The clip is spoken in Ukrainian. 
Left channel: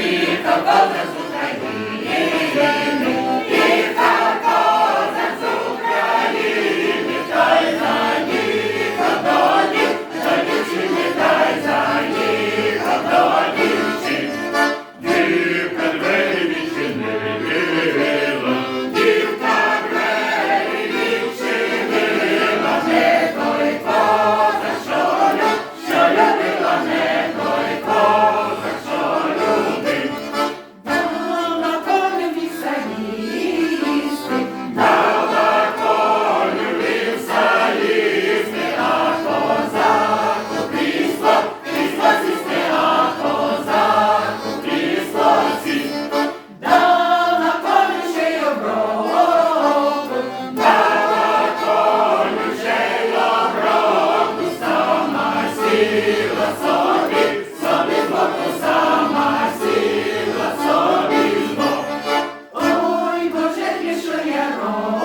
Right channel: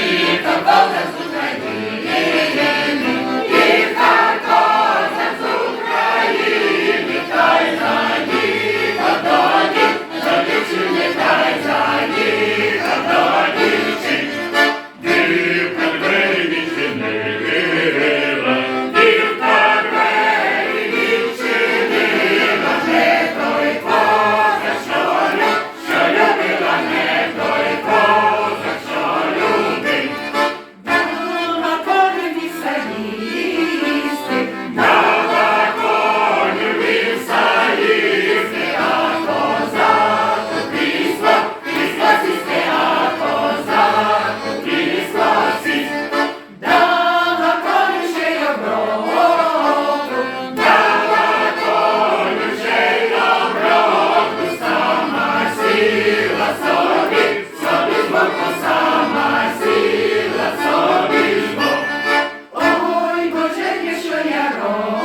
Віка, Бога Amen.